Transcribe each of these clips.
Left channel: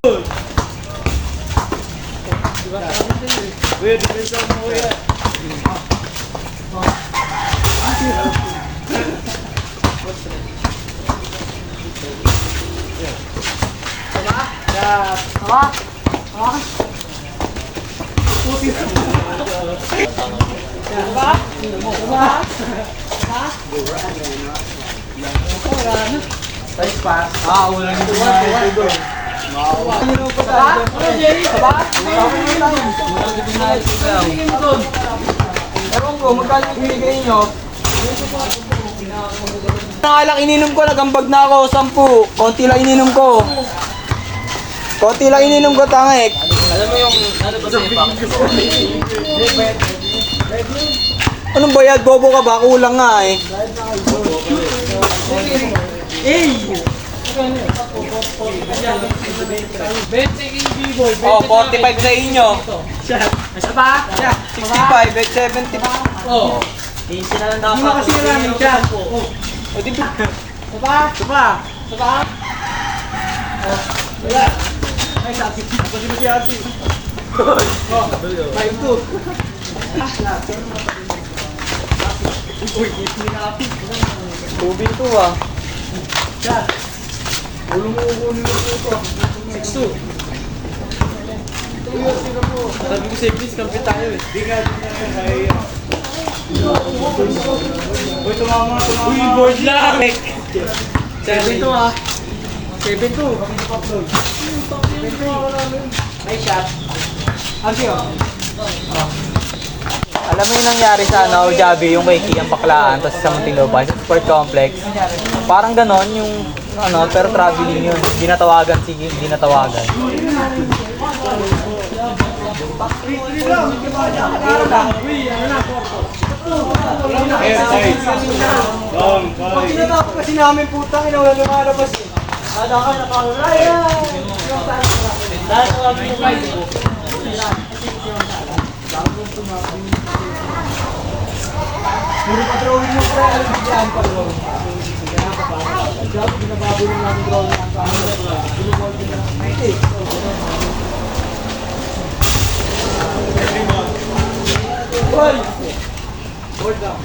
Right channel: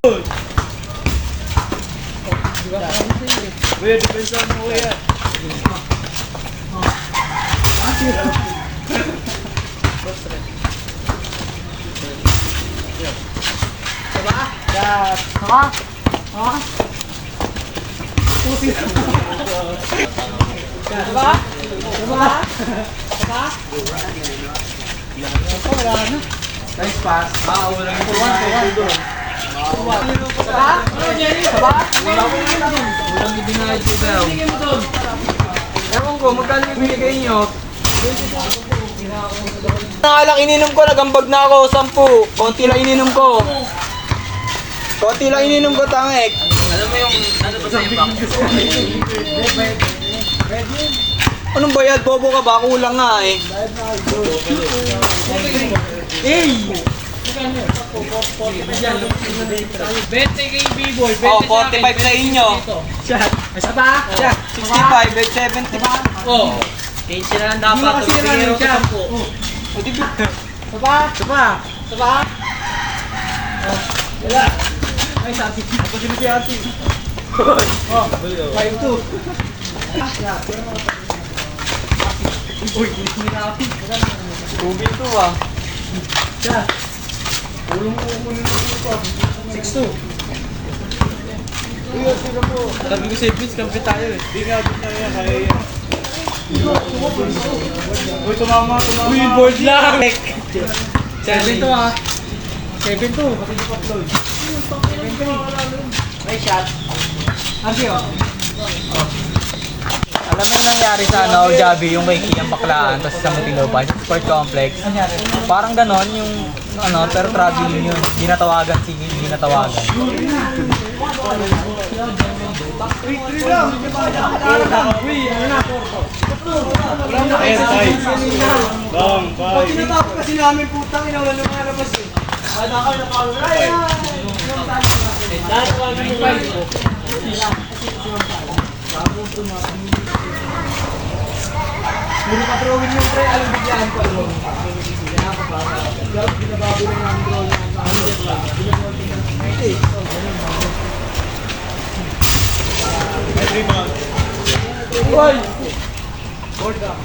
Kuya, depensa mo kuya. Nakalak ininom ko, nagambag na ako, 10. Konti lang ininom ko. Tangik. Alam mo yung ano ba sa iba? Anong bayad? Bobo ka ba? Kulang nga eh. Bente kay B-boy. Oh, 45 sa inyo. Isa pa? 65, 70 pa. Oh. 15 na lang dapat. Hindi mo kasi naman siya. O, di ba? Sapa? Wala. Ay, sabi. Ako si Ate. Oh, 5-2. Uy, hindi na Ate. Tubig to ah. Siya. Ulo mo kukunin mo ito. 6-2. Uy, sino po? Sabi ko si Vince, kampi tayo eh. Di nga yan, kaya yan. Uy, tumama. Uy, board lang! 7-2 ah. 7-2. 7-3. May shot. Archie oh. Alam mo yung nangyari sa ano, Javi, yung kay Kian Baklaan, tapos sa Muntinlupa, sa Sport Complex. Parang ganon yung ano, pero traveling yun. Ginatawagan, sige, ginatawagan. 3-3 lang. Uy, ano na, Porto? Wala mo kayo sa Long, 5. Pinatapos kasi namin putang, wala lumalabas eh. Ada ka na pang Raya! Dahil ko kami yung 5. Puro ka drawing yung pre, alam bigyan pa doon. Binababo rin namin drawing ang sa amin. Binababo rin namin. 90. Hoy! Board down.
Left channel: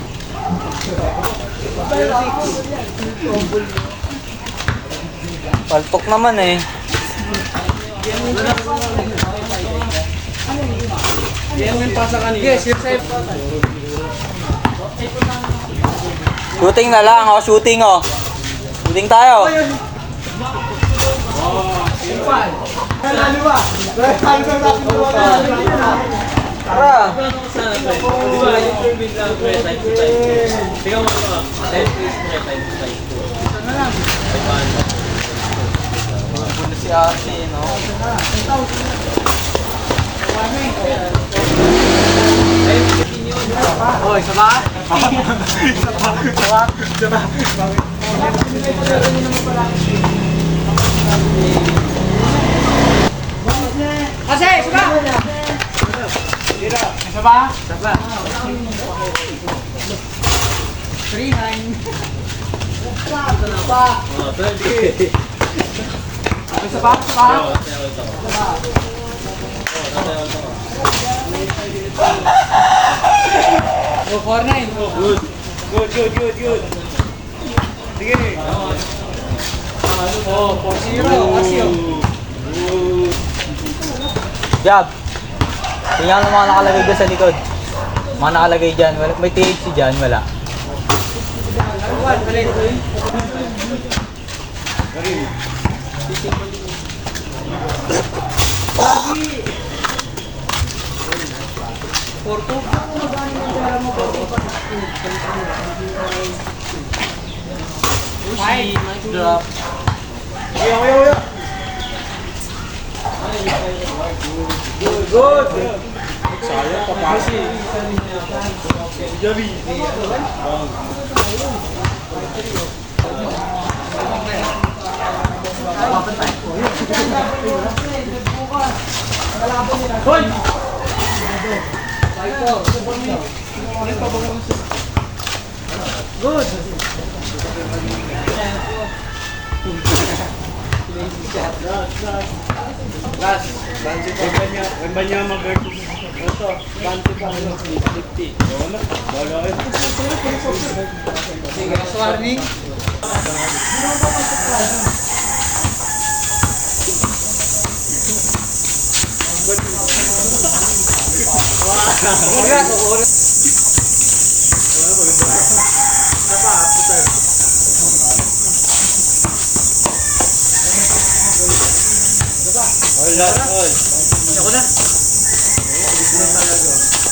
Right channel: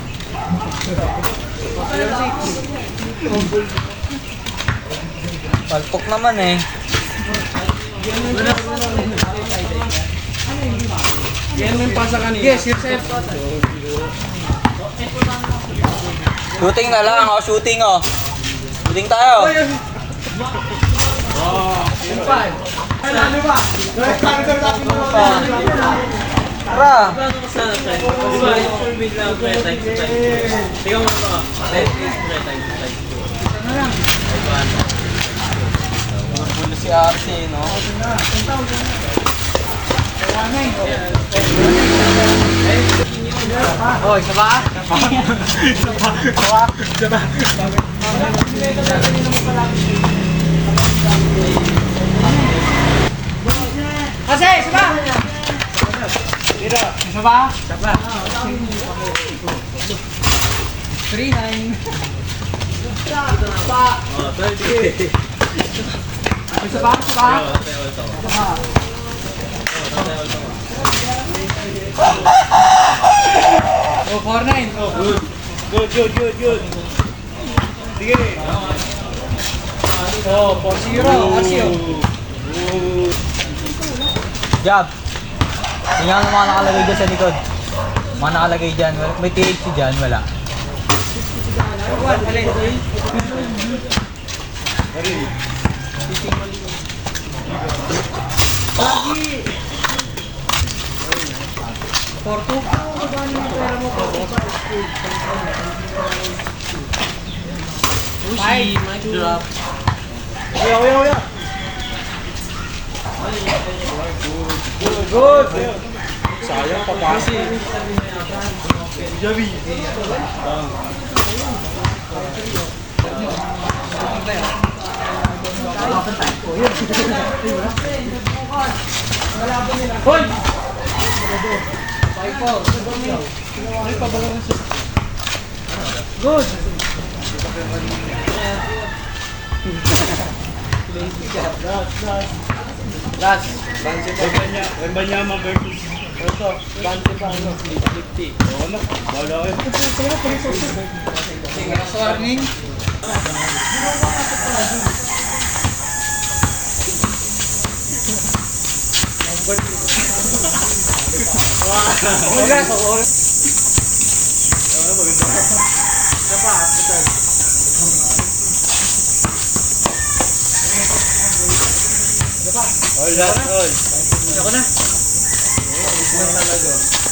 Paltok naman eh. Yan mo yung pasa kanina. Yes, yes, yes. Shooting na lang, oh, shooting oh. Shooting tayo. Ano ba? Tara. Puno si Ate, no? Oh, isa ba? Kasi, isa ba? Isa ba? Isa ba? 3-9. Isa ba? Isa ba? Oh, 4-9. Oh, good. Good. Sige. Oh, 4-0. Asio. Jab. Tingnan mo mga nakalagay dyan sa likod. Mga nakalagay dyan. May THC dyan, wala. Porto. Five. Drop. Uya. Good. Sayang papasi. Javi. Hoy! Good. Lazy cat. Last, bansi pa. Iba niya mag-30. Ito, bansi pa. 50. Oo na, bala kayo. Sige, sa warning. All last, all. Ako na. Ito na talaga.